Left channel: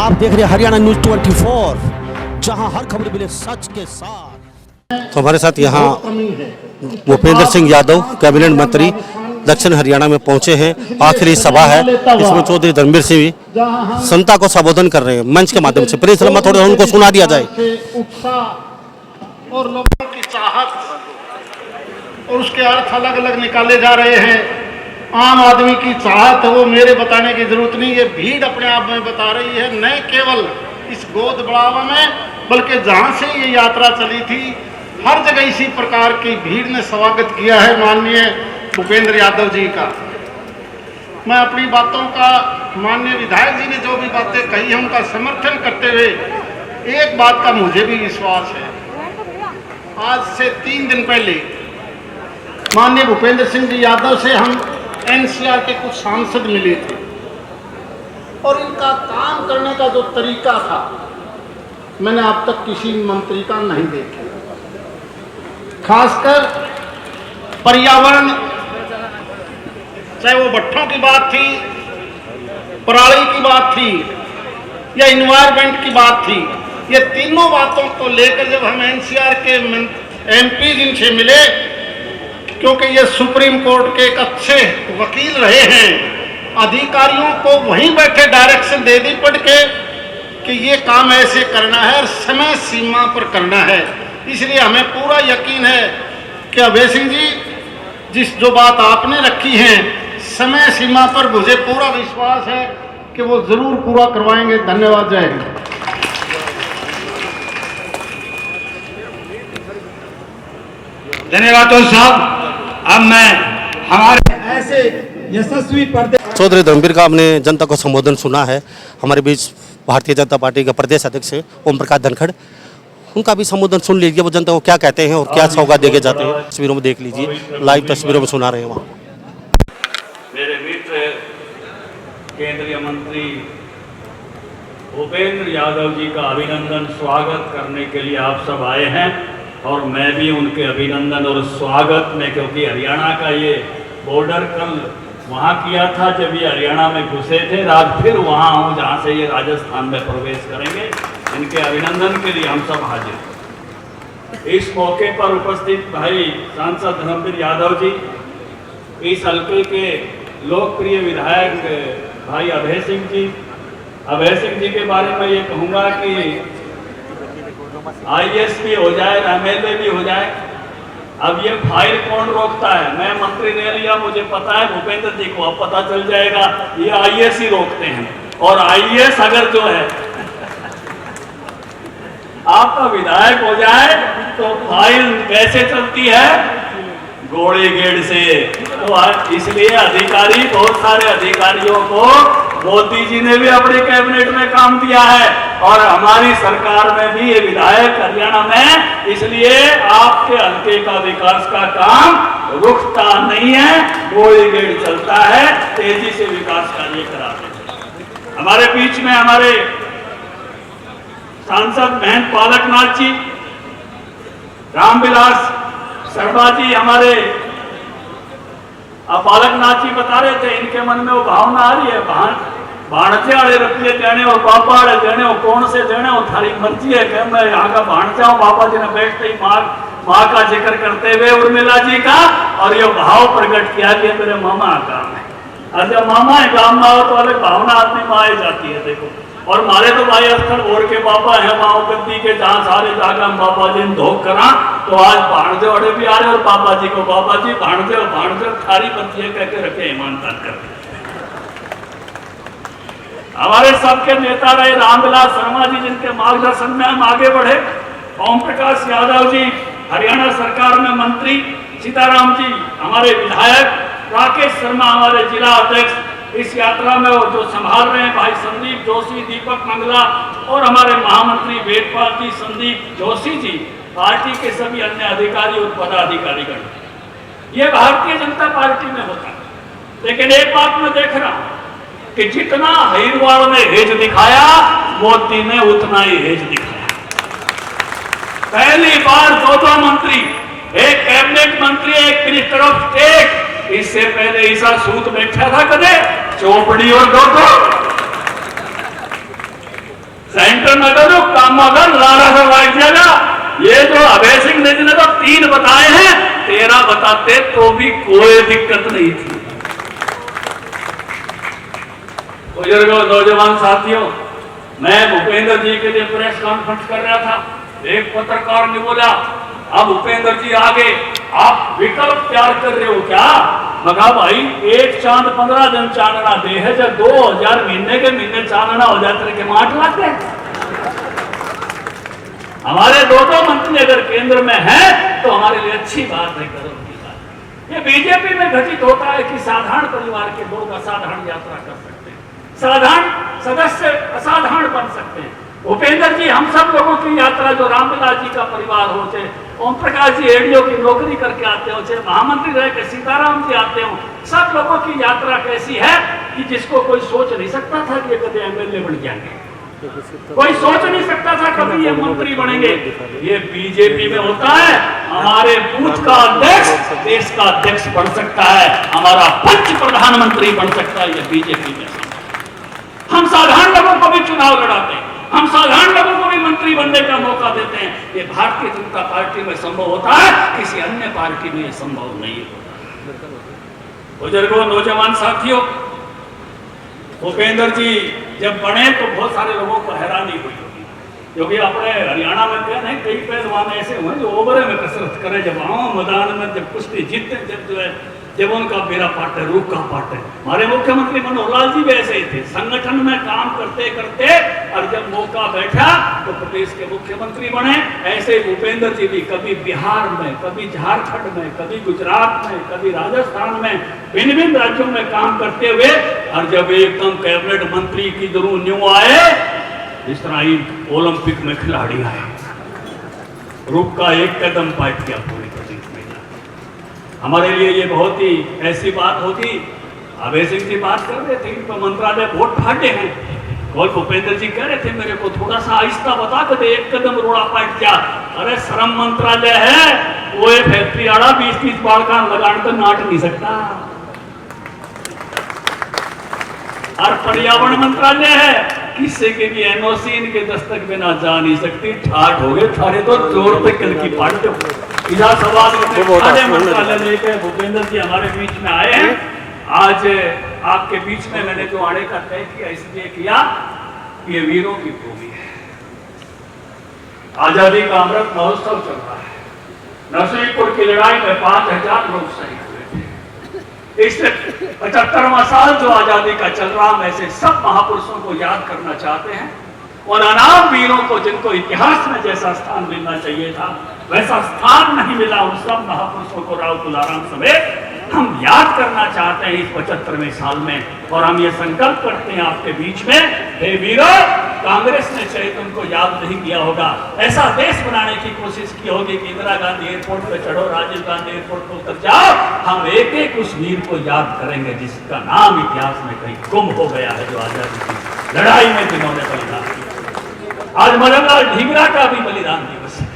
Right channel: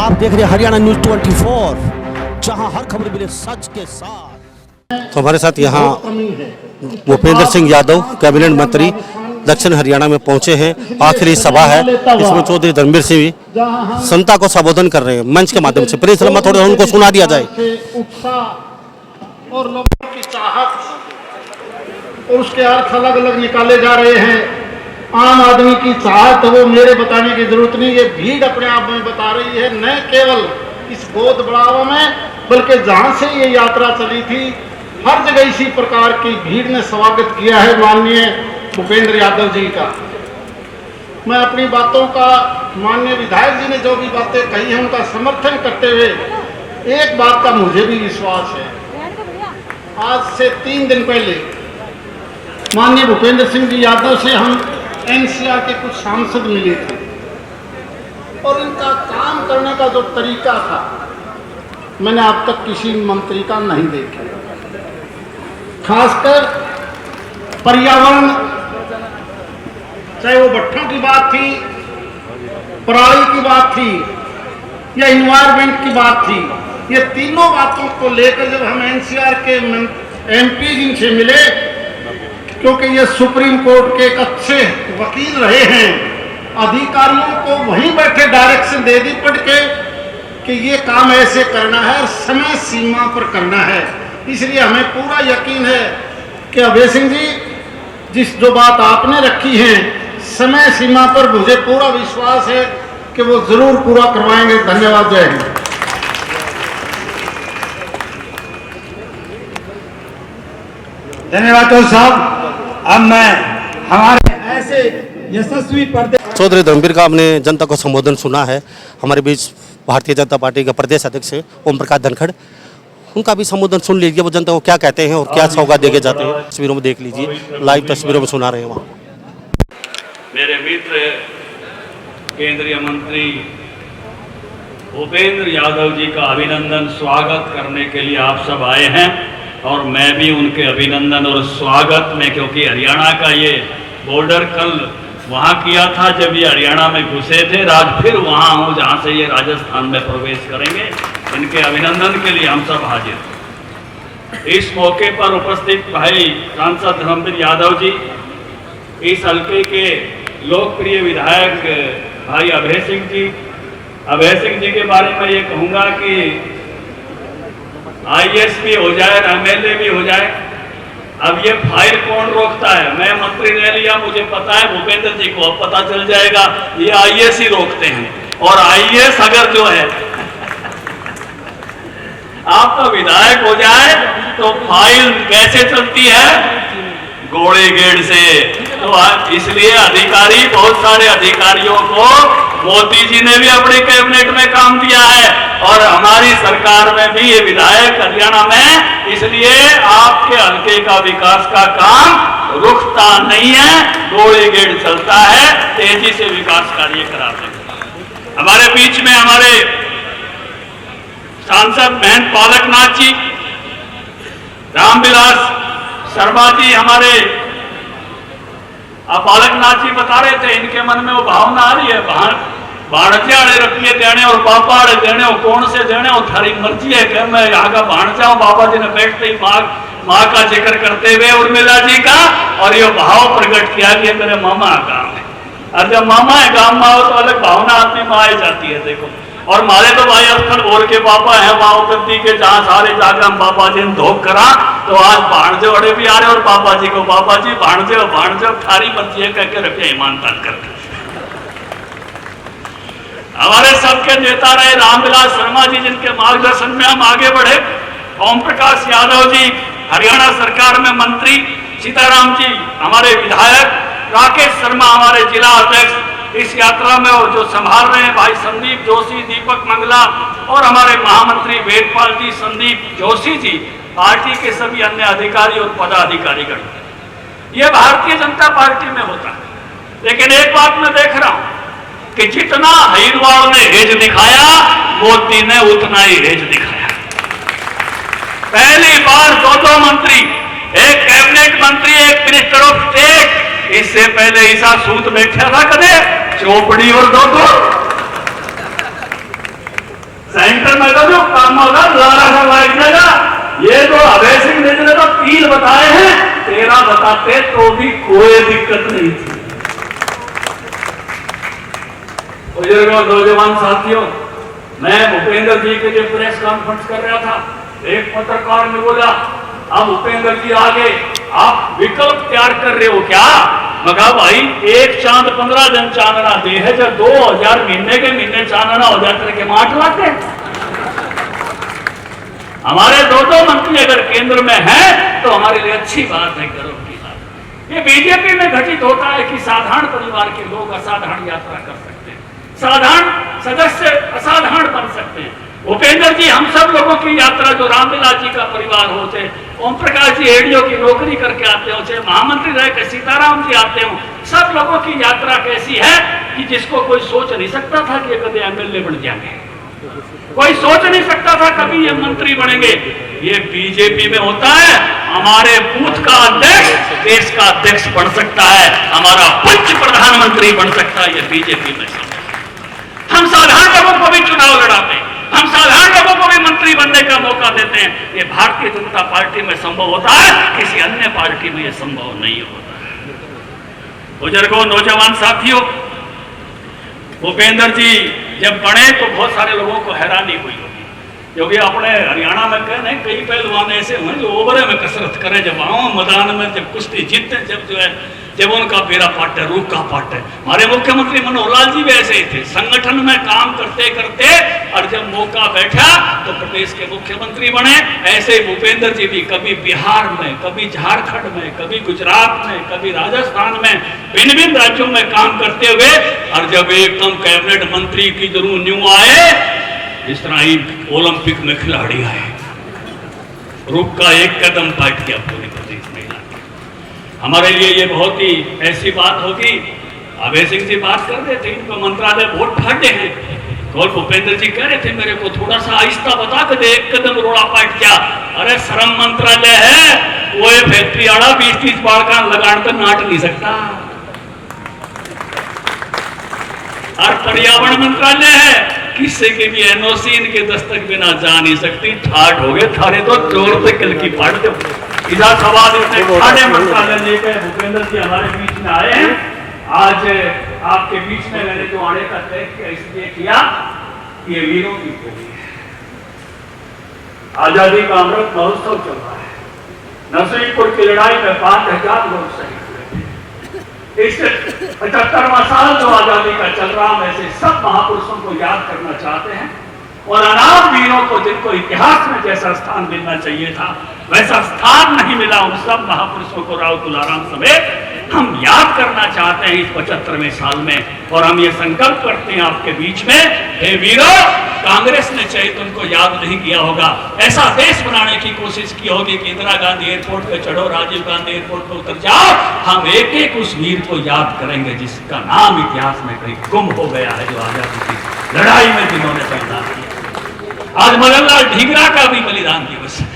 आप देख रहे हैं हरियाणा न्यूज 24, जहां हर खबर मिले सच के साथ। तो हमारे साथ यहाँ भूपेंद्र सिंह यादव कैबिनेट मंत्री दक्षिण हरियाणा में पहुंचे हैं। आखिरी सभा है, इसमें चौधरी धर्मवीर सिंह भी जनता को संबोधन कर रहे हैं मंच के माध्यम से। प्लीज थोड़ा उनको सुना दिया जाए। उत्साह और लोगों की चाहत और उसके अर्थ अलग अलग निकाले जा रहे हैं। आम आदमी की चाहत वो मेरे बताने की जरूरत नहीं, ये भीड़ अपने आप में बता रही है। न केवल इस गोद बढ़ावा में, बल्कि जहां से ये यात्रा चली थी हर जगह इसी प्रकार की भीड़ ने स्वागत किया है माननीय भूपेंद्र यादव जी का। मैं अपनी बातों का माननीय विधायक जी ने जो भी बातें कही हैं उनका समर्थन करते हुए एक बात का मुझे भी विश्वास है। आज से 3 दिन पहले माननीय भूपेंद्र सिंह जी यादव से हम एनसीआर के कुछ सांसद मिले थे और इनका काम करने का जो तरीका था मैंने अब तक किसी मंत्री का नहीं देखा। खासकर पर्यावरण, चाहे वो भट्ठों की बात थी, पराली की बात थी या इन्वायरमेंट की बात थी, ये तीनों बातों को लेकर जब हम एनसीआर के एमपी जिनसे मिले, क्योंकि ये सुप्रीम कोर्ट के एक अच्छे वकील रहे हैं, अधिकारियों को वहीं बैठे डायरेक्शन दे दी पड़ के कि ये काम ऐसे करना है और समय सीमा पर करना है। इसलिए हमें पूरा यकीन है कि अभय सिंह जी जिस जो बात आपने रखी है समय सीमा पर मुझे पूरा विश्वास है कि वो जरूर पूरा करवाएंगे। धन्यवाद। जय हिंद। धन्यवाद साहब। अब मैं हमारे ऐसे यशस्वी चौधरी धर्मवीर का हमने जनता को संबोधन सुना है। हमारे बीच भारतीय जनता पार्टी का प्रदेश अध्यक्ष है ओम प्रकाश धनखड़, उनका भी संबोधन सुन लीजिए। वो जनता को क्या कहते हैं और क्या सौगात देके जाते हैं, तस्वीरों में देख लीजिए, लाइव तस्वीरों में सुना रहे हैं। वहाँ मेरे मित्र केंद्रीय मंत्री भूपेंद्र यादव जी का अभिनंदन स्वागत करने के लिए आप सब आए हैं और मैं भी उनके अभिनंदन और स्वागत में, क्योंकि हरियाणा का ये बॉर्डर कल वहाँ किया था जब ये हरियाणा में घुसे थे, आज फिर वहाँ हूँ जहाँ से ये राजस्थान में प्रवेश करेंगे। इनके अभिनंदन के लिए हम सब हाजिर हैं। इस मौके पर उपस्थित भाई सांसद धर्मवीर यादव जी, इस हल्के के लोकप्रिय विधायक भाई अभय सिंह जी के बारे में ये कहूँगा कि आईएएस भी हो जाए, एमएलए भी हो जाए, अब ये फाइल कौन रोकता है? मैं मंत्री ले लिया, मुझे पता है, भूपेंद्र जी को अब पता चल जाएगा ये आईएएस ही रोकते हैं। और आईएएस अगर जो है आपका विधायक हो जाए तो फाइल कैसे चलती है? घोड़े गेड़ से। तो इसलिए अधिकारी, बहुत सारे अधिकारियों को मोदी जी ने भी अपने कैबिनेट में काम दिया है और हमारी सरकार में भी ये विधायक हरियाणा में, इसलिए आपके हल्के का विकास का काम रुकता नहीं है, घोड़े गेड़ चलता है, तेजी से विकास कार्य कराते हैं। हमारे बीच में हमारे सांसद महंत पालकनाथ जी, रामविलास शर्मा जी, हमारे पालकनाथ जी बता रहे थे इनके मन में वो भावना आ रही है, भाणजे वाले रुपये देने और बाबा वाले देने हो, कौन से देने हो थारी मर्जी है कि मैं यहाँ का भाणजा हूँ। बाबा जी ने बैठते ही माँ का जिक्र करते हुए उर्मिला जी का, और ये भाव प्रकट किया कि मेरे मामा का गाँव है, और जब मामा है गाँव में हो तो अलग भावना आदमी में आई जाती है। देखो, और मारे तो भाई अक्सर और के पापा है माओ गद्दी के, जहाँ सारे जाकर हम बाबा जी ने धोख करा, तो आज भाणजे वड़े भी आ रहे और पापा जी को बाबा जी भाणजे थारी बच्ची है कह के रखे ईमानदार कर। हमारे सबके नेता रहे रामविलास शर्मा जी, जिनके मार्गदर्शन में हम आगे बढ़े, ओम प्रकाश यादव जी हरियाणा सरकार में मंत्री, सीताराम जी हमारे विधायक, राकेश शर्मा हमारे जिला अध्यक्ष, इस यात्रा में और जो संभाल रहे हैं भाई संदीप जोशी, दीपक मंगला और हमारे महामंत्री वेदपाल जी, संदीप जोशी जी, पार्टी के सभी अन्य अधिकारी और पदाधिकारीगण। ये भारतीय जनता पार्टी में होता है। लेकिन एक बात मैं देख रहा हूं कि जितना हरिद्वार ने हेज दिखाया, मोदी ने उतना ही हेज दिखाया। पहली बार 2 मंत्री, एक कैबिनेट मंत्री, एक मिनिस्टर ऑफ स्टेट, इससे पहले ईसा सूत बैठा था कदे चौपड़ी और 2। सेंटर में तो जो काम होगा लाला का बैठ जाएगा। ये तो अभय सिंह ने तो 3 बताए हैं, 13 बताते तो भी कोई दिक्कत नहीं थी। बुजुर्गों, नौजवान साथियों, मैं भूपेंद्र जी के लिए प्रेस कॉन्फ्रेंस कर रहा था, एक पत्रकार ने बोला अब भूपेंद्र जी आगे आप विकल्प तैयार कर रहे हो क्या? मगा भाई एक चांद 15 दिन चांदना दे है, जब 2000 महीने के महीने चांदना हो जाते के माठ लाते। हमारे 2 मंत्री अगर केंद्र में हैं तो हमारे लिए अच्छी बात है, करो की बात। ये बीजेपी में घटित होता है कि साधारण परिवार के लोग असाधारण यात्रा कर सकते हैं, साधारण सदस्य असाधारण बन सकते हैं। भूपेंद्र जी हम सब लोगों की यात्रा, जो रामविलास जी का परिवार हो, चाहे ओम प्रकाश जी एडीओ की नौकरी करके आते हो, चाहे महामंत्री रह के सीताराम जी आते हो, सब लोगों की यात्रा कैसी है कि जिसको कोई सोच नहीं सकता था कि कभी एमएलए बन जाएंगे, कोई सोच नहीं सकता था कभी ये मंत्री बनेंगे। ये बीजेपी में होता है। हमारे बूथ का अध्यक्ष देश का अध्यक्ष बन सकता है, हमारा पंच प्रधानमंत्री बन सकता है, ये बीजेपी में। हम साधारण लोगों को भी चुनाव लड़ाते हैं, हम साधारण लोगों को भी मंत्री बनने का मौका देते हैं। ये भारतीय जनता पार्टी में संभव होता है, किसी अन्य पार्टी में ये संभव नहीं होता। बुजुर्गों, नौजवान साथियों, भूपेंद्र जी जब बने तो बहुत सारे लोगों को हैरानी हुई होगी, क्योंकि अपने हरियाणा में कहने कई पहलवान ऐसे हुए जो ओवरे में कसरत करें, जब आओ मैदान में जब कुश्ती जीतते, जब जो है जब उनका बेरा पाटे रूप का पाटे। हमारे मुख्यमंत्री मनोहर लाल जी भी ऐसे ही थे, संगठन में काम करते करते और जब मौका बैठा तो प्रदेश के मुख्यमंत्री बने। ऐसे ही भूपेंद्र जी भी कभी बिहार में, कभी झारखंड में, कभी गुजरात में, कभी राजस्थान में, भिन्न भिन्न राज्यों में काम करते हुए और जब एकदम कैबिनेट मंत्री की जरूर न्यू आए, इस तरह ही ओलंपिक में खिलाड़ी आए, रूप का एक कदम पाट किया पूरे प्रदेश में। हमारे लिए ये बहुत ही ऐसी बात होगी। अभय सिंह जी बात कर रहे थे, इनको मंत्रालय वोट फाटे हैं, और भूपेंद्र जी कह रहे थे मेरे को थोड़ा सा आहिस्ता बता के दे, एक कदम रोड़ा पाट क्या। अरे श्रम मंत्रालय है, वो फैक्ट्री आड़ा 20-30 बाड़का लगान तो नाट नहीं सकता। और पर्यावरण मंत्रालय है, किसी के भी एनओसी इनके दस्तक बिना जा नहीं सकती। ठाट हो गए थारे तो जोर से किल की पाट दो। इधर सवाल इतने मंत्रालय लेकर भूपेंद्र जी हमारे बीच में आए हैं। आज आपके बीच में मैंने जो आने का तय किया इसलिए किया कि ये वीरों की भूमि है, आजादी का अमृत महोत्सव चल रहा है। नरसिंहपुर की लड़ाई में 5000 लोग शहीद हुए। इस 75वां साल जो आजादी का चल रहा, हम ऐसे सब महापुरुषों को याद करना चाहते हैं, और अनाम वीरों को जिनको इतिहास में जैसा स्थान मिलना चाहिए था वैसा स्थान नहीं मिला, उन सब महापुरुषों को राव तुलाराम समेत हम याद करना चाहते हैं इस 75वें साल में। और हम ये संकल्प करते हैं आपके बीच में, हे वीरों, कांग्रेस ने चाहे तुमको याद नहीं किया होगा, ऐसा देश बनाने की कोशिश की होगी कि इंदिरा गांधी एयरपोर्ट पे चढ़ो, राजीव गांधी एयरपोर्ट पे उतर जाओ, हम एक एक उस वीर को याद करेंगे जिसका नाम इतिहास में कहीं गुम हो गया है, जो आजादी की लड़ाई में जिन्होंने बलिदान किया। आज मदनलाल ढींगरा का भी बलिदान दिवस है।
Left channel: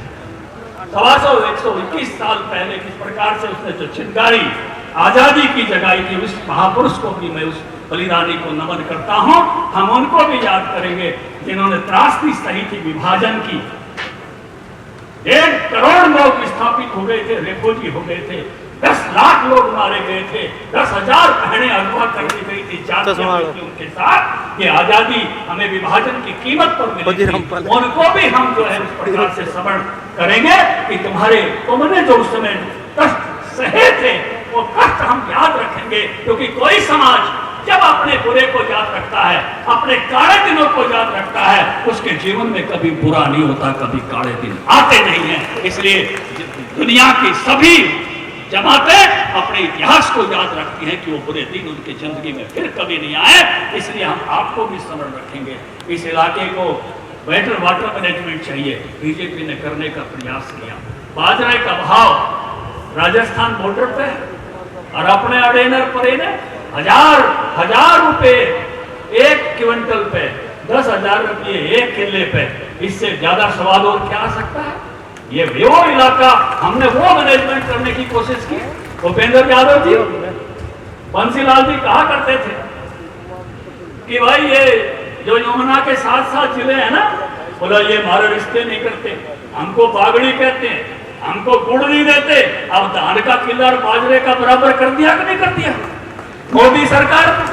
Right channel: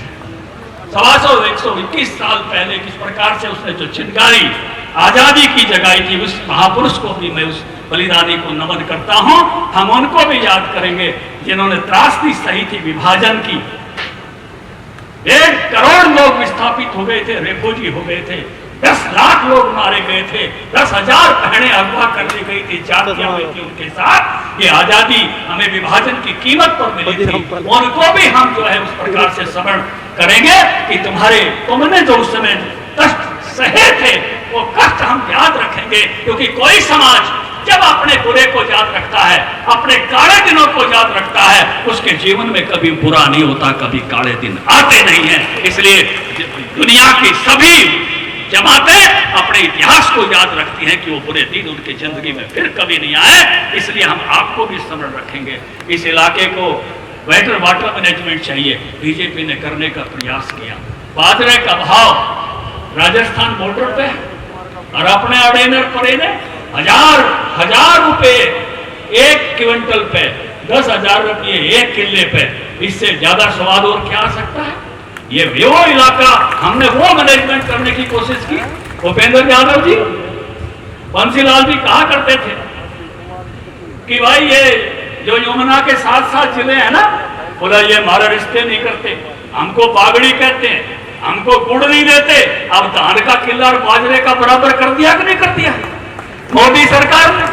121 साल पहले किस प्रकार से उसने जो चिंगारी आजादी की जगाई थी, उस महापुरुष को भी मैं उस बलिदानी को नमन करता हूं। हम उनको भी याद करेंगे जिन्होंने त्रासदी सही थी विभाजन की। 1 करोड़ लोग विस्थापित हो गए थे, रेफोजी हो गए थे, 10 लाख लोग मारे गए थे, 10,000 बहनें अगवा कर दी गई थी जातियों के साथ। ये आजादी हमें विभाजन की कीमत पर मिली थी, उनको भी हम जो है उस प्रकार से स्मरण करेंगे कि तुमने जो उस समय कष्ट सहे थे वो कष्ट हम याद रखेंगे। क्योंकि कोई समाज जब अपने बुरे को याद रखता है, अपने काले दिनों को याद रखता है, उसके जीवन में कभी बुरा नहीं होता, कभी काले दिन आते नहीं हैं। इसलिए दुनिया की सभी जमातें अपने इतिहास को याद रखती हैं कि वो बुरे दिन उनकी जिंदगी में फिर कभी नहीं आए। इसलिए हम आपको भी स्मरण रखेंगे। इस इलाके को बेटर वाटर मैनेजमेंट चाहिए, बीजेपी ने करने का प्रयास किया। बाजरे का भाव राजस्थान बॉर्डर पे और अपने अडेनर पड़ेने हजार रुपए 1 क्विंटल पे, 10,000 रुपये 1 किले पे, इससे ज्यादा स्वाद और क्या आ सकता है। ये वो इलाका हमने वो मैनेजमेंट करने की कोशिश की। भूपेंद्र यादव जी, बंसीलाल जी कहा करते थे कि भाई ये जो यमुना के 7 जिले हैं ना, बोला ये हमारे रिश्ते नहीं करते, हमको बागड़ी कहते हैं, हमको गुड़ नहीं देते। अब धान का किला और बाजरे का बराबर कर दिया कि नहीं कर दिया? मोदी सरकार ने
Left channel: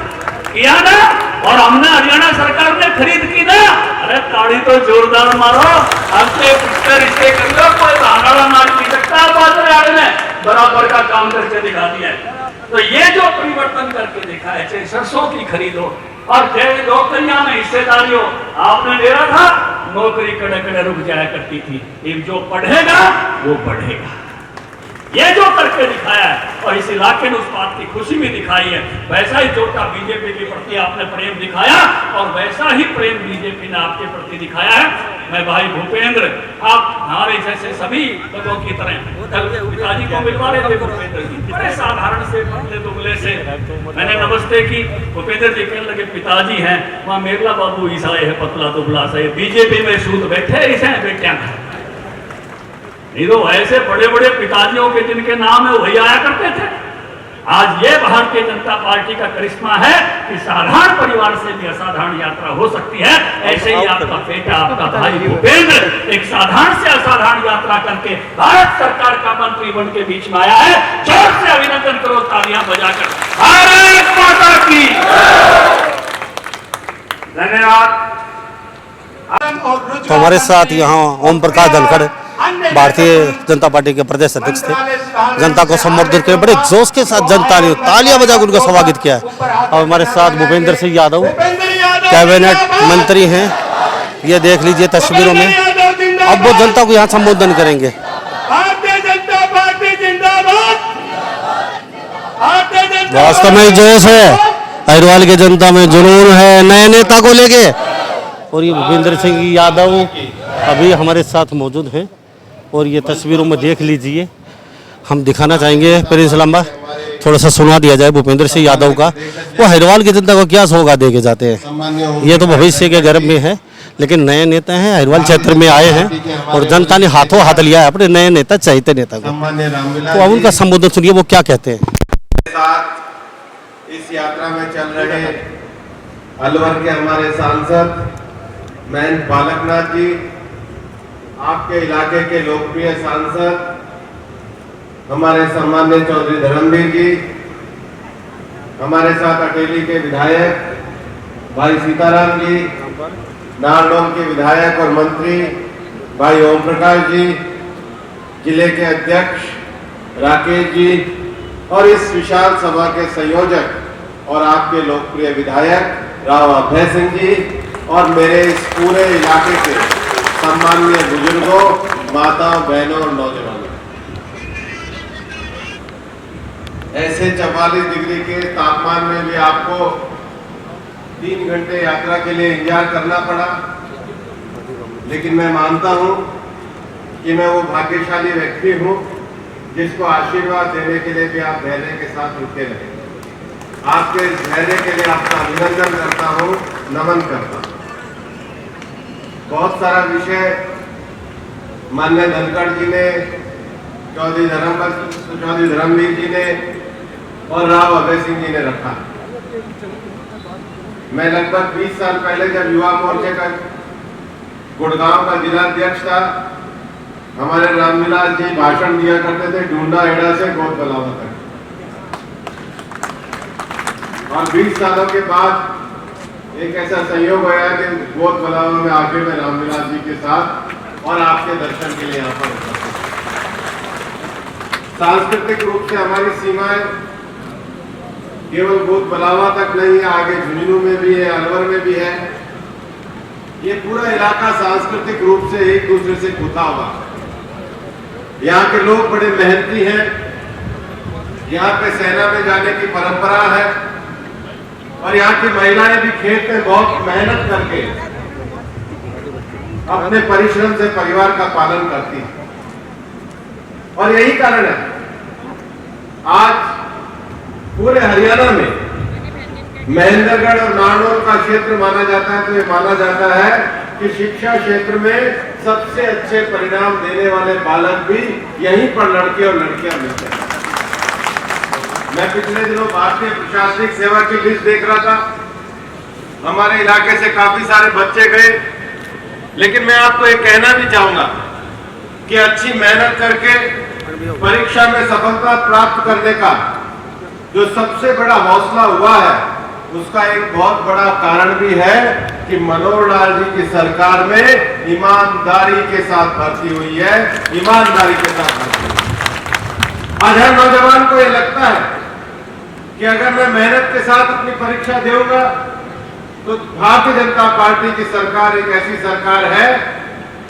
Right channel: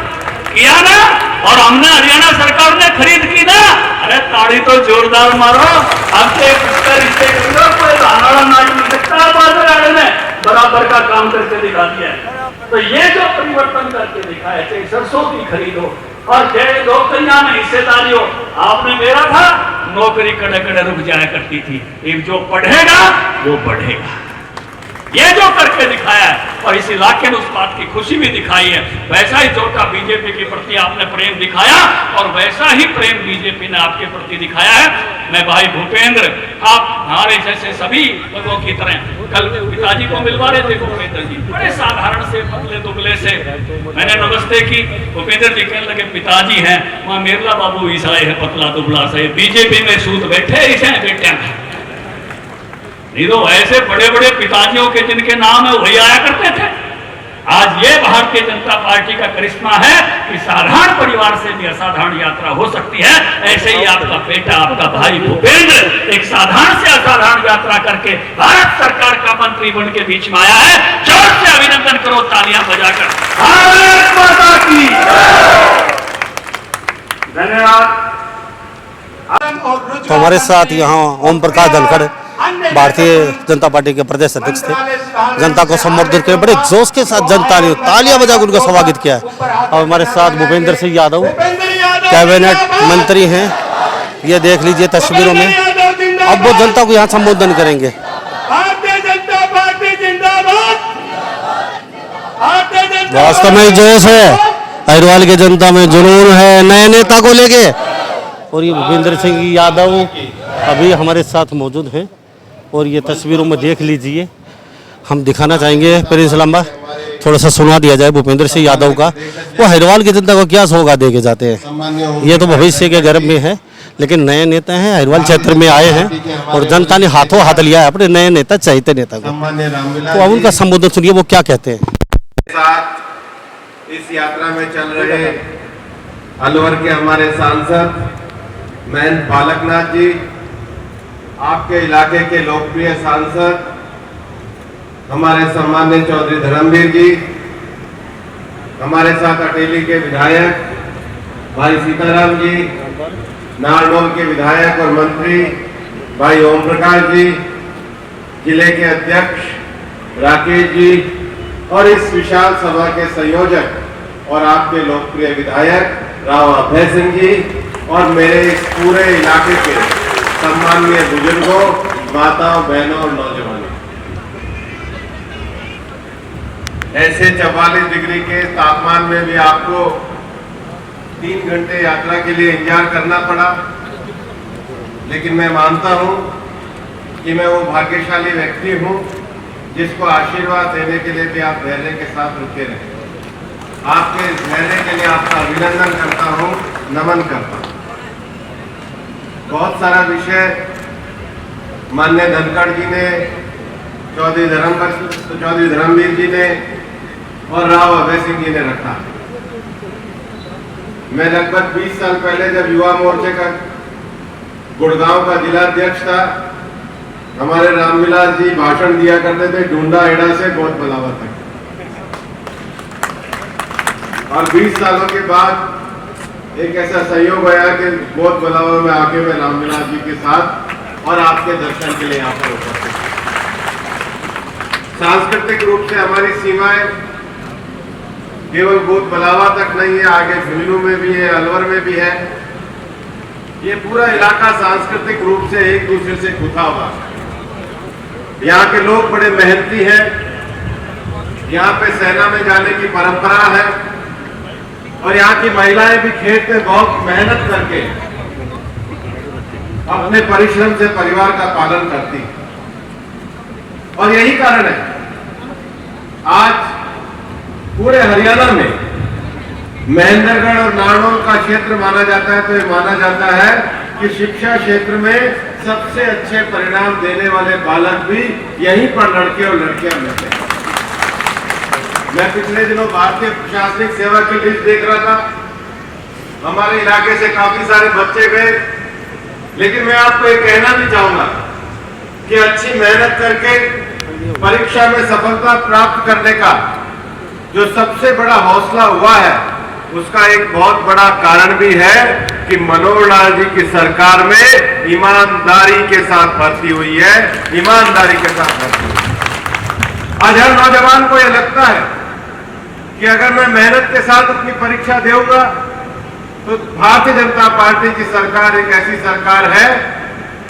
किया ना, और हमने हरियाणा सरकार ने खरीद की ना। अरे ताड़ी तो जोरदार मारो, हमसे रिश्ते कर लो, कोई धान नहीं सकता। बाजरे वाले ने बराबर का काम करके दिखा दिया है। तो ये जो परिवर्तन करके दिखा है, चाहे सरसों की खरीदो और चाहे नौकरियां में हिस्सेदारी हो। आपने मेरा था नौकरी कड़े कड़े रुक जाया करती थी, एक जो पढ़ेगा वो बढ़ेगा। ये जो करके दिखाया है, और इस इलाके ने उस बात की खुशी भी दिखाई है। वैसा ही जोटा बीजेपी के प्रति आपने प्रेम दिखाया, और वैसा ही प्रेम बीजेपी ने आपके प्रति दिखाया है। मैं भाई भूपेंद्र, आप हमारे जैसे सभी लोगों की तरह कल पिताजी को मिलवा रहे थे। भूपेंद्र जी बड़े साधारण से पतले दुबले से, मैंने नमस्ते की। भूपेंद्र जी कहने लगे पिताजी हैं, वहाँ मेरला बाबू ईसाई है, पतला दुबला से, बीजेपी में सूद बैठे ईसाई बेटे। नहीं तो ऐसे बड़े बड़े पिताजियों के जिनके नाम है वही आया करते थे। आज ये भारतीय जनता पार्टी का करिश्मा है कि साधारण परिवार से भी असाधारण यात्रा हो सकती है। ऐसे ही आपका बेटा, आपका भाई भूपेंद्र एक साधारण से असाधारण यात्रा करके भारत सरकार का मंत्री बन के बीच में आया है। जोर से अभिनंदन करो तालियां बजाकर। भारत माता की धन्यवाद। तो हमारे साथ यहाँ ओम प्रकाश धनखड़ भारतीय जनता पार्टी के प्रदेश अध्यक्ष थे। जनता को संबोधित किया, बड़े जोश के साथ जनता ने तालियां बजाकर उनका स्वागत किया है। और हमारे साथ भूपेंद्र सिंह यादव कैबिनेट मंत्री हैं, ये देख लीजिए तस्वीरों में। अब वो जनता को यहाँ संबोधन करेंगे। भारतीय जनता पार्टी जिंदाबाद। वास्तव में जोश है, अहिरवाल की जनता में जुनून है नए नेता को लेके। और ये भूपेंद्र सिंह यादव अभी हमारे साथ मौजूद हैं, और ये तस्वीरों में देख लीजिए। हम दिखाना चाहेंगे प्रिंस लंबा, थोड़ा सा सुना दिया जाए भूपेंद्र सिंह यादव का। वो अहिरवाल की जनता को क्या सौगात देके जाते हैं, ये तो भविष्य के गर्भ में है, लेकिन नए नेता हैं, अहिरवाल क्षेत्र में आए हैं और जनता ने हाथों हाथ लिया है अपने नए नेता, चाहते नेता को। तो अब उनका संबोधन सुनिए, वो क्या कहते हैं। इस यात्रा में चल रहे अलवर के हमारे सांसद महंत बालकनाथ जी, आपके इलाके के लोकप्रिय सांसद हमारे सम्मान्य चौधरी धर्मवीर जी, हमारे साथ अटेली के विधायक भाई सीताराम जी, नारनौल के विधायक और मंत्री भाई ओम प्रकाश जी, जिले के अध्यक्ष राकेश जी, और इस विशाल सभा के संयोजक और आपके लोकप्रिय विधायक राव अभय सिंह जी, और मेरे इस पूरे इलाके के सम्माननीय बुजुर्गों, माताओं, बहनों और नौजवानों। ऐसे 44 डिग्री के तापमान में भी आपको 3 घंटे यात्रा के लिए इंतजार करना पड़ा, लेकिन मैं मानता हूं कि मैं वो भाग्यशाली व्यक्ति हूं जिसको आशीर्वाद देने के लिए भी आप धैर्य के साथ रुके रहे। आपके इस धैर्य के लिए आपका अभिनंदन करता हूं, नमन करता हूं। बहुत सारा विषय माननीय धनखड़ जी ने, चौधरी धर्मवीर जी ने और राव अभय सिंह जी ने रखा। मैं लगभग 20 साल पहले जब युवा मोर्चे का गुड़गांव का जिला अध्यक्ष था, हमारे रामविलास जी भाषण दिया करते थे ढूंढा हेड़ा से गोद बलावा तक। और 20 सालों के बाद एक ऐसा संयोग आया कि गोद बलावा में आके मैं रामविलास जी के साथ और आपके दर्शन के लिए यहाँ पर उपस्थित। सांस्कृतिक रूप से हमारी सीमाएं केवल गोद बलावा तक नहीं है, आगे झुंझुनू में भी है, अलवर में भी है। ये पूरा इलाका सांस्कृतिक रूप से एक दूसरे से गुथा हुआ। यहाँ के लोग बड़े मेहनती हैं, यहाँ पे सेना में जाने की परंपरा है, और यहाँ की महिलाएं भी खेत में बहुत मेहनत करके अपने परिश्रम से परिवार का पालन करती है। और यही कारण है आज पूरे हरियाणा में महेंद्रगढ़ और नारनौल का क्षेत्र माना जाता है, तो ये माना जाता है कि शिक्षा क्षेत्र में सबसे अच्छे परिणाम देने वाले बालक भी यहीं पर लड़के और लड़कियां मिलते हैं। मैं पिछले दिनों भारतीय प्रशासनिक सेवा की लिस्ट देख रहा था, हमारे इलाके से काफी सारे बच्चे गए, लेकिन मैं आपको ये कहना भी चाहूंगा कि अच्छी मेहनत करके परीक्षा में सफलता प्राप्त करने का जो सबसे बड़ा हौसला हुआ है, उसका एक बहुत बड़ा कारण भी है कि मनोहर लाल जी की सरकार में ईमानदारी के साथ भर्ती हुई है, ईमानदारी के साथ भर्ती हुई है। आज हर नौजवान को यह लगता है कि अगर मैं मेहनत के साथ अपनी परीक्षा दूंगा तो भारतीय जनता पार्टी की सरकार एक ऐसी सरकार है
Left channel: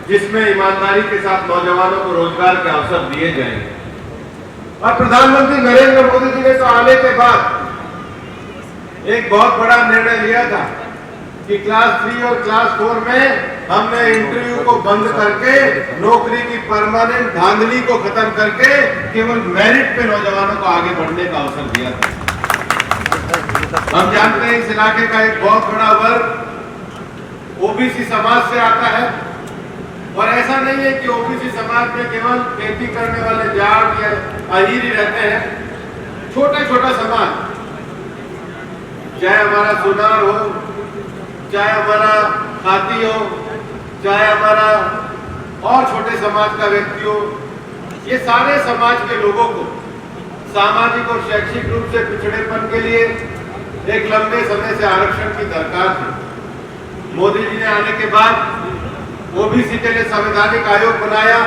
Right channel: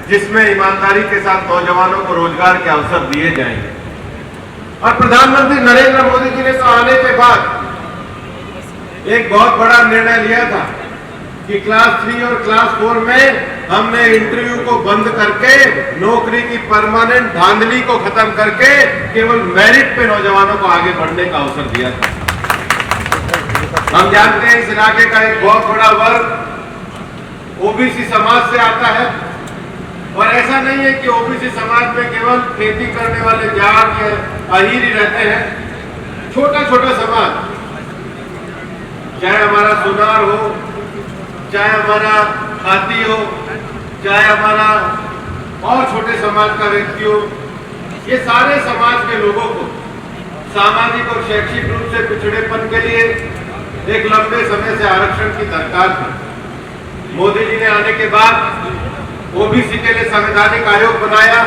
जिसमें ईमानदारी के साथ नौजवानों को रोजगार के अवसर दिए जाएंगे। और प्रधानमंत्री नरेंद्र मोदी जी ने तो आने के बाद एक बहुत बड़ा निर्णय लिया था कि क्लास 3 और क्लास 4 में हमने इंटरव्यू को बंद करके नौकरी की परमानेंट धांधली को खत्म करके केवल मेरिट पे नौजवानों को आगे बढ़ने का अवसर दिया था। हम जानते हैं इस इलाके का एक बहुत बड़ा वर्ग ओबीसी समाज से आता है, और ऐसा नहीं है कि ओबीसी समाज में केवल खेती करने वाले जाट या अहीर ही रहते हैं। छोटा छोटा समाज, चाहे हमारा सुनार हो, चाहे हमारा खाती हो, चाहे हमारा और छोटे समाज का व्यक्ति हो, ये सारे समाज के लोगों को सामाजिक और शैक्षिक रूप से पिछड़ेपन के लिए एक लंबे समय से आरक्षण की दरकार थी। मोदी जी ने आने के बाद ओबीसी के लिए संवैधानिक आयोग बनाया,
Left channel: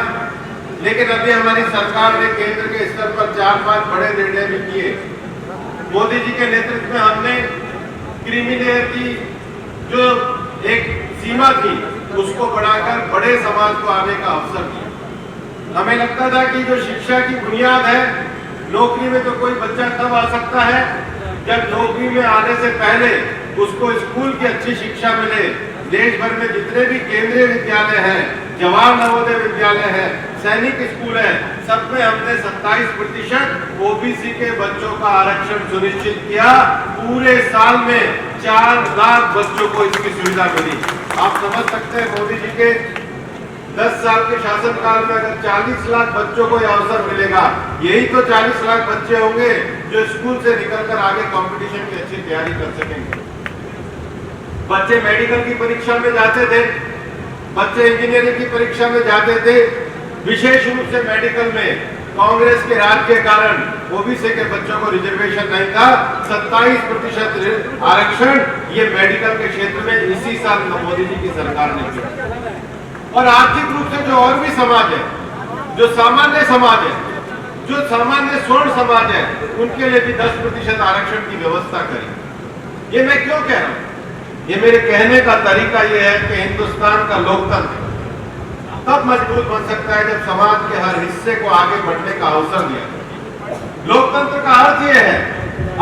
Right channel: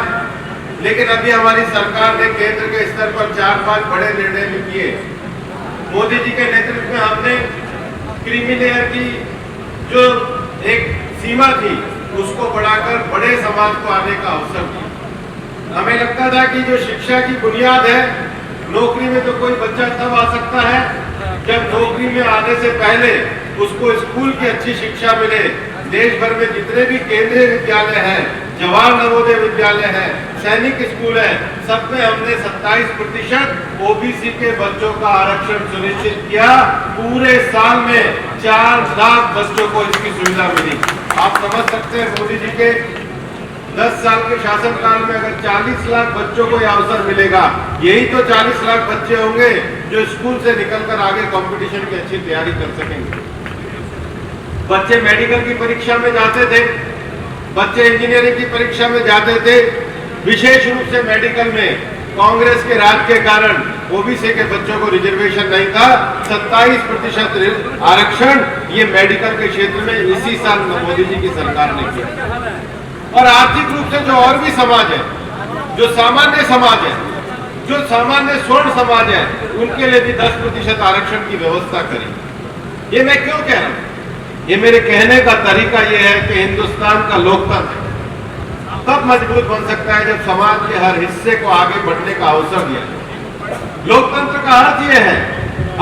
लेकिन अभी हमारी सरकार ने केंद्र के स्तर पर 4-5 बड़े निर्णय भी किए। मोदी जी के नेतृत्व में हमने क्रीमी लेयर की जो एक सीमा थी उसको बढ़ाकर बड़े समाज को आने का अवसर दिया। हमें लगता था कि जो शिक्षा की बुनियाद है, नौकरी में तो कोई बच्चा तब आ सकता है जब नौकरी में आने से पहले उसको स्कूल की अच्छी शिक्षा मिले। देश भर में जितने भी केंद्रीय विद्यालय हैं, जवाहर नवोदय विद्यालय है, सैनिक स्कूल है, सब में हमने 27% ओबीसी के बच्चों का आरक्षण सुनिश्चित किया। पूरे साल में 4 लाख बच्चों को इसकी सुविधा मिली। आप समझ सकते हैं मोदी जी के 10 साल के शासनकाल में अगर 40 लाख बच्चों को यह अवसर मिलेगा, यही तो 40 लाख बच्चे होंगे जो स्कूल से निकलकर आगे कंपटीशन की अच्छी तैयारी कर सकेंगे। बच्चे मेडिकल की परीक्षा में जाते थे, बच्चे इंजीनियरिंग की परीक्षा में जाते थे। विशेष रूप से मेडिकल में कांग्रेस के राज के कारण ओबीसी के बच्चों को रिजर्वेशन नहीं था। 27% आरक्षण ये मेडिकल के क्षेत्र में इसी साल मोदी जी की सरकार ने किया। और आर्थिक रूप से जो और भी समाज है, जो सामान्य समाज है, जो सामान्य स्वर्ण समाज है, उनके लिए भी 10% आरक्षण की व्यवस्था करी। ये मैं क्यों कह रहा हूं? ये मेरे कहने का तरीका ये है कि हिंदुस्तान का लोकतंत्र तब मजबूत बन सकता है जब समाज के हर हिस्से को आगे बढ़ने का अवसर दिया जाए। लोकतंत्र का अर्थ ये है,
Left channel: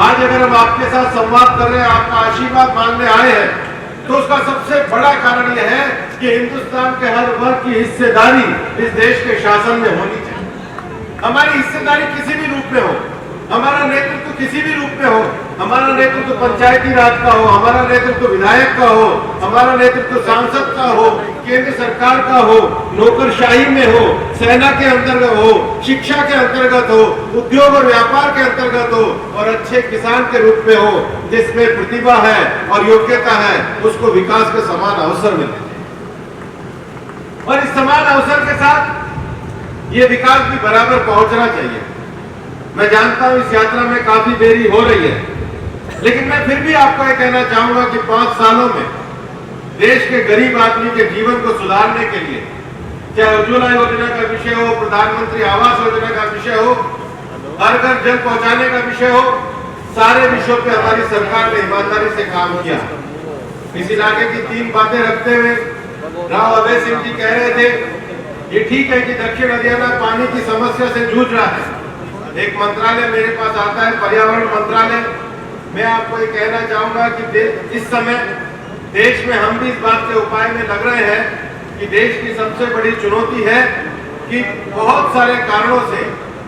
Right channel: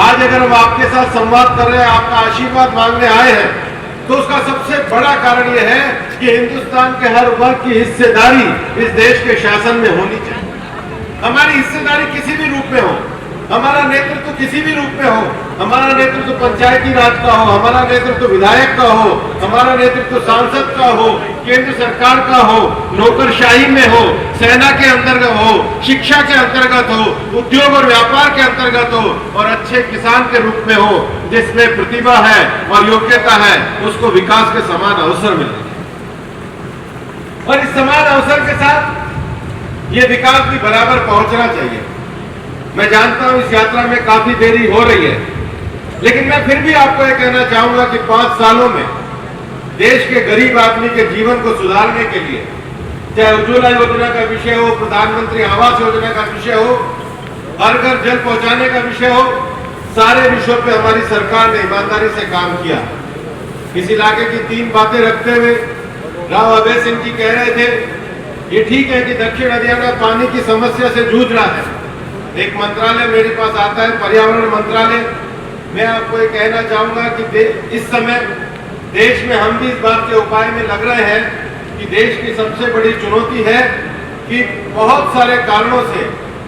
आज अगर हम आपके साथ संवाद कर रहे हैं, आपका आशीर्वाद मांगने आए हैं, तो उसका सबसे बड़ा कारण यह है कि हिंदुस्तान के हर वर्ग की हिस्सेदारी इस देश के शासन में होनी चाहिए। हमारी हिस्सेदारी किसी भी रूप में हो, हमारा नेतृत्व किसी भी रूप में हो, हमारा नेतृत्व पंचायती राज का हो, हमारा नेतृत्व विधायक का हो, हमारा नेतृत्व सांसद का हो, केंद्र सरकार का हो, नौकरशाही में हो, सेना के अंतर्गत हो, शिक्षा के अंतर्गत हो, उद्योग और व्यापार के अंतर्गत हो, और अच्छे किसान के रूप में हो, जिसमें प्रतिभा है और योग्यता है, उसको विकास के समान अवसर मिले। और इस समान अवसर के साथ ये विकास भी बराबर पहुंचना चाहिए। मैं जानता हूं इस यात्रा में काफी देरी हो रही है, लेकिन मैं फिर भी आपको यह कहना चाहूंगा कि 5 सालों में देश के गरीब आदमी के जीवन को सुधारने के लिए, चाहे उज्ज्वला योजना का विषय हो, प्रधानमंत्री आवास योजना का विषय हो, हर घर जल पहुंचाने का विषय हो, सारे विषयों पे हमारी सरकार ने ईमानदारी से काम किया। इस इलाके की 3 बातें रखते हुए राव अभय सिंह जी कह रहे थे, ये ठीक है कि दक्षिण हरियाणा पानी की समस्या से जूझ रहा है। एक मंत्रालय मेरे पास आता है, पर्यावरण मंत्रालय। मैं आपको ये कहना चाहूंगा कि इस समय देश में हम भी इस बात के उपाय में लग रहे हैं कि देश की सबसे बड़ी चुनौती है कि बहुत सारे कारणों से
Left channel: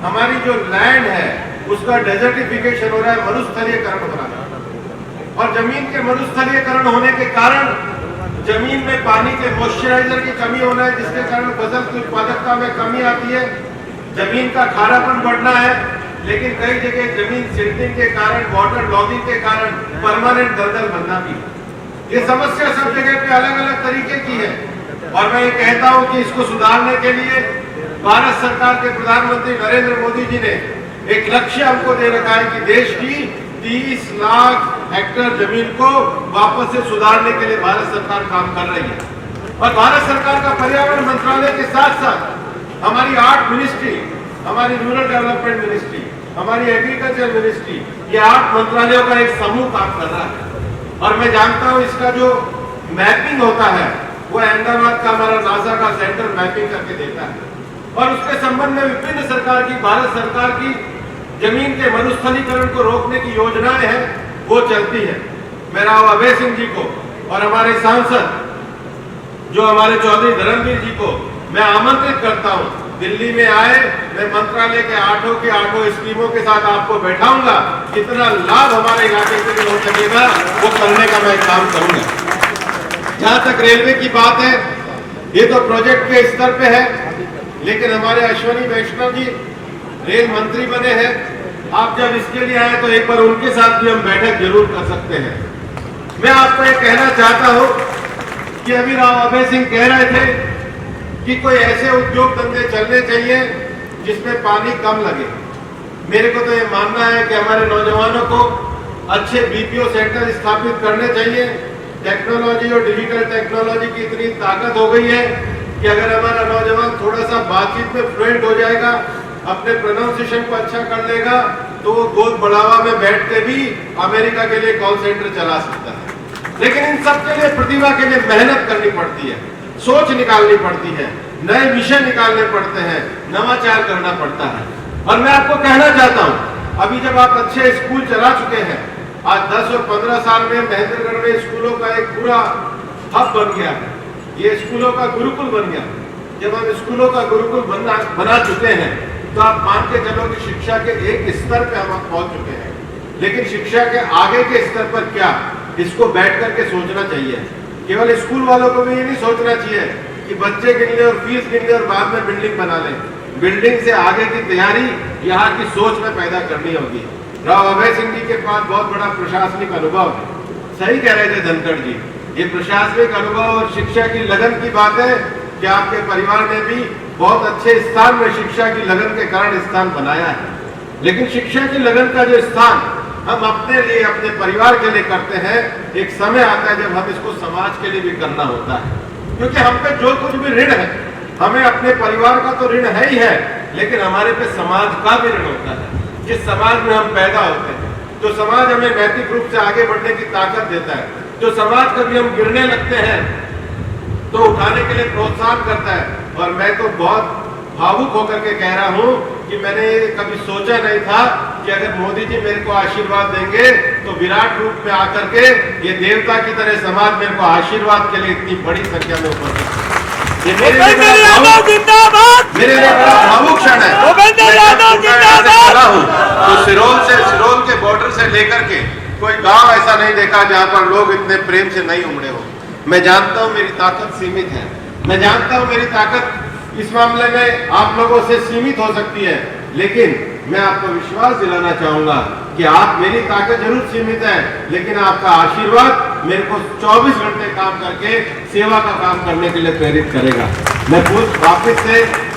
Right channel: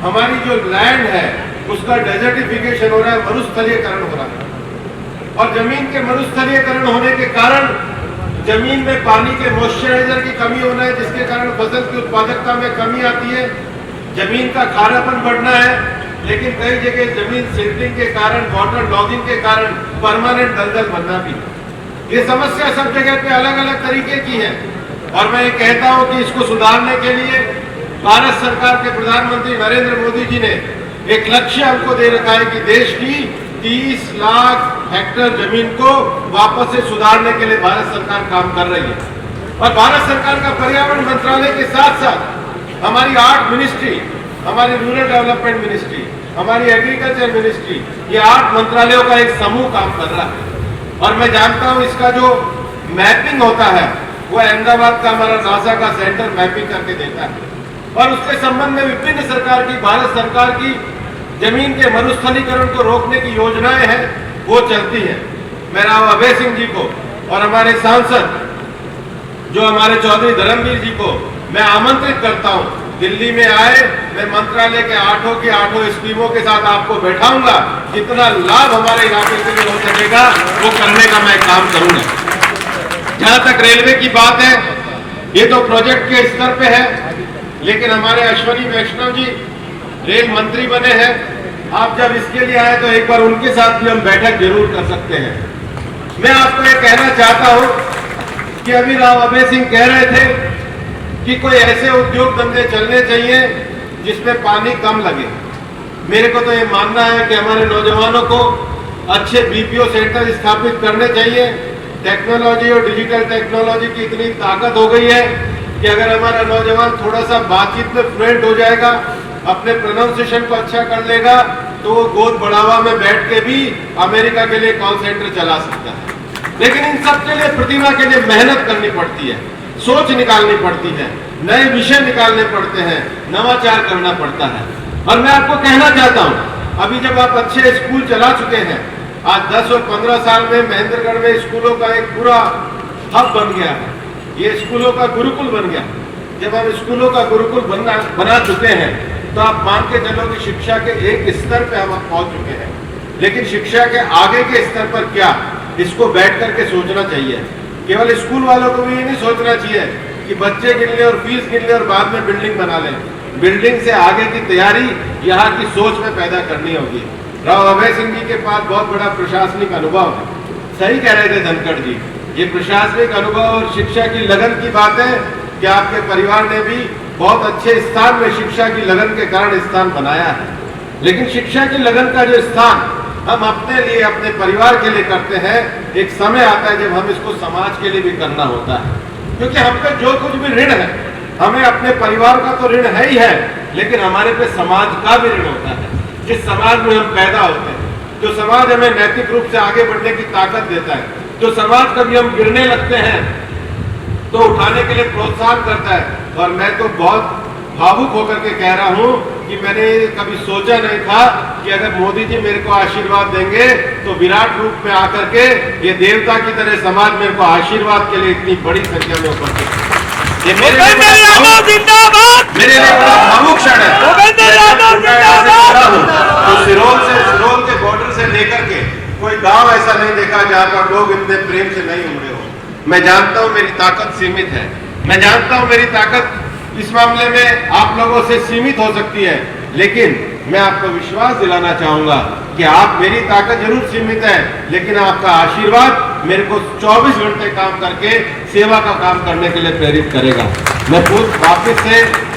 हमारी जो लैंड है उसका डेजर्टिफिकेशन हो रहा है, मरुस्थलीकरण हो रहा है। और जमीन के मरुस्थलीकरण होने के कारण जमीन में पानी के मॉइस्चराइजर की कमी होना है, जिसके कारण फसल की उत्पादकता में कमी आती है, जमीन का खारापन बढ़ना है। लेकिन कई जगह जमीन सिल्टिंग के कारण, वाटर लॉगिंग के कारण परमानेंट दलदल बनना भी। ये समस्या सब जगह पे अलग अलग तरीके की है और मैं ये कहता हूं कि इसको सुधारने के लिए भारत सरकार के प्रधानमंत्री नरेंद्र मोदी जी ने एक लक्ष्य हमको दे रखा है कि देश की 30 लाख हेक्टेयर जमीन को वापस से सुधारने के लिए भारत सरकार काम कर रही है। और भारत सरकार का पर्यावरण मंत्रालय के साथ साथ हमारी 8 मिनिस्ट्री, हमारी रूरल डेवलपमेंट मिनिस्ट्री, हमारी एग्रीकल्चर मिनिस्ट्री, ये 8 मंत्रालयों का एक समूह काम कर रहा है। और मैं जानता हूं इसका जो मैपिंग होता है वो अहमदाबाद का हमारा नासा का सेंटर मैपिंग करके देता है और उसके संबंध में विभिन्न सरकार की, भारत सरकार की जमीन के मरुस्थलीकरण को रोकने की योजनाएं हैं, वो चलती है। मैं राव अभय सिंह जी को और हमारे सांसद जो हमारे चौधरी धर्मवीर जी को मैं आमंत्रित करता हूं, दिल्ली में आए, मैं मंत्रालय के 8 की 8 स्कीमों के साथ आपको बैठाऊंगा, जितना लाभ हमारे इलाके के लिए हो सकेगा वो करने का मैं काम करूंगा। जहां तक रेलवे की बात है, ये तो प्रोजेक्ट के स्तर पे है, लेकिन हमारे अश्वनी वैष्णव जी रेल मंत्री बने हैं। आप जब इसके लिए आए तो एक बार उनके साथ भी हम बैठक जरूर कर सकते हैं। मैं आपको ये कहना चाहता हूं कि अभी राव अभय सिंह कह रहे थे कि कोई ऐसे उद्योग धंधे चलने चाहिए जिसमें पानी कम लगे। मेरे को तो ये मानना है कि हमारे नौजवानों को अच्छे बीपीओ सेंटर स्थापित करने चाहिए। टेक्नोलॉजी और डिजिटल टेक्नोलॉजी की इतनी ताकत हो गई है कि अगर हमारा नौजवान थोड़ा सा बातचीत में फ्लुएंट हो जाएगा, अपने प्रोनाउंसिएशन को अच्छा कर लेगा, तो वो गोद बढ़ावा में बैठ के भी अमेरिका के लिए कॉल सेंटर चला सकता है। लेकिन इन सब के लिए, प्रतिभा के लिए मेहनत करनी पड़ती है, सोच निकालनी पड़ती है, नए विषय निकालने पड़ते हैं, नवाचार करना पड़ता है। और मैं आपको कहना चाहता हूं, अभी जब आप अच्छे स्कूल चला चुके हैं, आज 10 और 15 साल में महेंद्रगढ़ में स्कूलों का एक पूरा हब बन गया है, ये स्कूलों का गुरुकुल बन गया। जब हम स्कूलों का गुरुकुल बना चुके हैं तो आप मान के चलो कि शिक्षा के एक स्तर पे हम पहुंच चुके हैं। लेकिन शिक्षा के आगे के स्तर पर क्या, इसको बैठ करके सोचना चाहिए। केवल स्कूल वालों को भी ये नहीं सोचना चाहिए कि बच्चे गिन ले और फीस गिन ले और बाद में बिल्डिंग बना लें। बिल्डिंग से आगे की तैयारी यहाँ की सोच में पैदा करनी होगी। राव अभय सिंह जी के पास बहुत बड़ा प्रशासनिक अनुभव है। सही कह रहे थे धनखड़ जी, ये प्रशासनिक अनुभव और शिक्षा की लगन की बात है कि आपके परिवार ने भी बहुत अच्छे स्थान में शिक्षा की लगन के कारण स्थान बनाया है। लेकिन शिक्षा की लगन का जो स्थान हम अपने लिए, अपने परिवार के लिए करते हैं, एक समय आता है जब हम इसको समाज के लिए भी करना होता है। क्योंकि हम पे जो कुछ भी ऋण है, हमें अपने परिवार का तो ऋण है ही है, लेकिन हमारे पे समाज का भी ऋण होता है। जिस समाज में हम पैदा होते हैं, जो समाज हमें नैतिक रूप से आगे बढ़ने की ताकत देता है, जो समाज कभी हम गिरने लगते हैं तो उठाने के लिए प्रोत्साहन करता है। और मैं तो बहुत भावुक होकर के कह रहा हूं कि मैंने कभी सोचा नहीं था कि अगर मोदी जी मेरे को आशीर्वाद देंगे तो विराट रूप में आकर के ये देवता की तरह समाज मेरे को आशीर्वाद के लिए इतनी बड़ी संख्या में उपस्थित है। ये मेरे लिए बड़ा भावुक क्षण है। तो सिरोल के बॉर्डर से लेकर के कोई गांव ऐसा नहीं देखा जहां पर लोग इतने प्रेम से नहीं उमड़े हो। मैं जानता हूं मेरी ताकत सीमित है, मैं जानता हूं मेरी ताकत इस मामले में आप लोगों से सीमित हो सकती है, लेकिन मैं आपको विश्वास दिलाना चाहूंगा कि आप, मेरी ताकत जरूर सीमित है, लेकिन आपका आशीर्वाद मेरे को 24 घंटे काम करके सेवा का काम करने के लिए प्रेरित करेगा। मैं वापिस से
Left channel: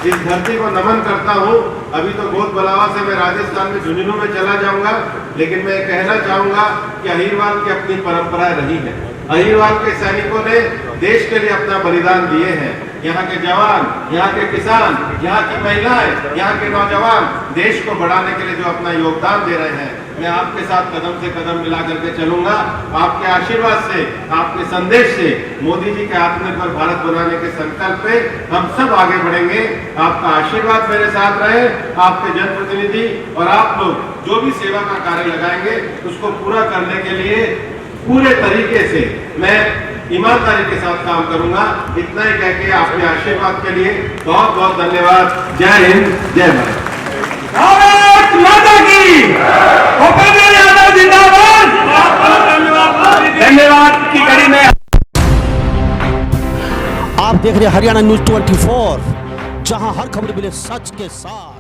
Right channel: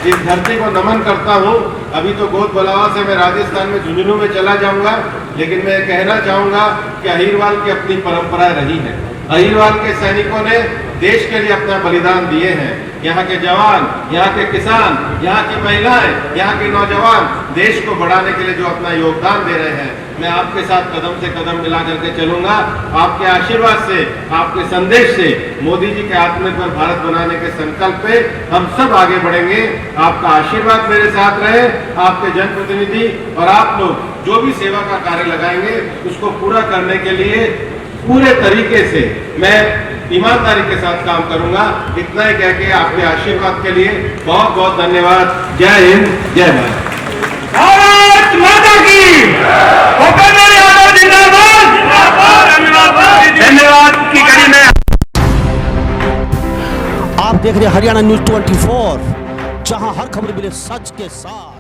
इस धरती को नमन करता हूं। अभी तो गोद बलावा से मैं राजस्थान में झुंझुनू में चला जाऊंगा, लेकिन मैं कहना चाहूंगा कि अहिरवाल की अपनी परंपरा रही है। अहिरवाल के सैनिकों ने देश के लिए अपना बलिदान दिए हैं। यहाँ के जवान, यहाँ के किसान, यहाँ की महिलाएं, यहाँ के नौजवान देश को बढ़ाने के लिए जो अपना योगदान दे रहे हैं, मैं आपके साथ कदम से कदम मिला करके चलूंगा। आपके आशीर्वाद से, आपके संदेश से, मोदी जी के आत्मनिर्भर भारत बनाने के संकल्प पे हम सब आगे बढ़ेंगे। आपका आशीर्वाद मेरे साथ रहे। आपके जनप्रतिनिधि और आप लोग जो भी सेवा का कार्य लगाएंगे उसको पूरा करने के लिए पूरे तरीके से मैं ईमानदारी के साथ काम करूंगा। इतना ही कह के आपके आशीर्वाद के लिए बहुत बहुत धन्यवाद। जय हिंद, जय भारत। भारत माता की। भूपेंद्र यादव जिंदाबाद। धन्यवाद की कड़ी में आप देख रहे हैं हरियाणा न्यूज 24, जहां हर खबर मिले सच के साथ।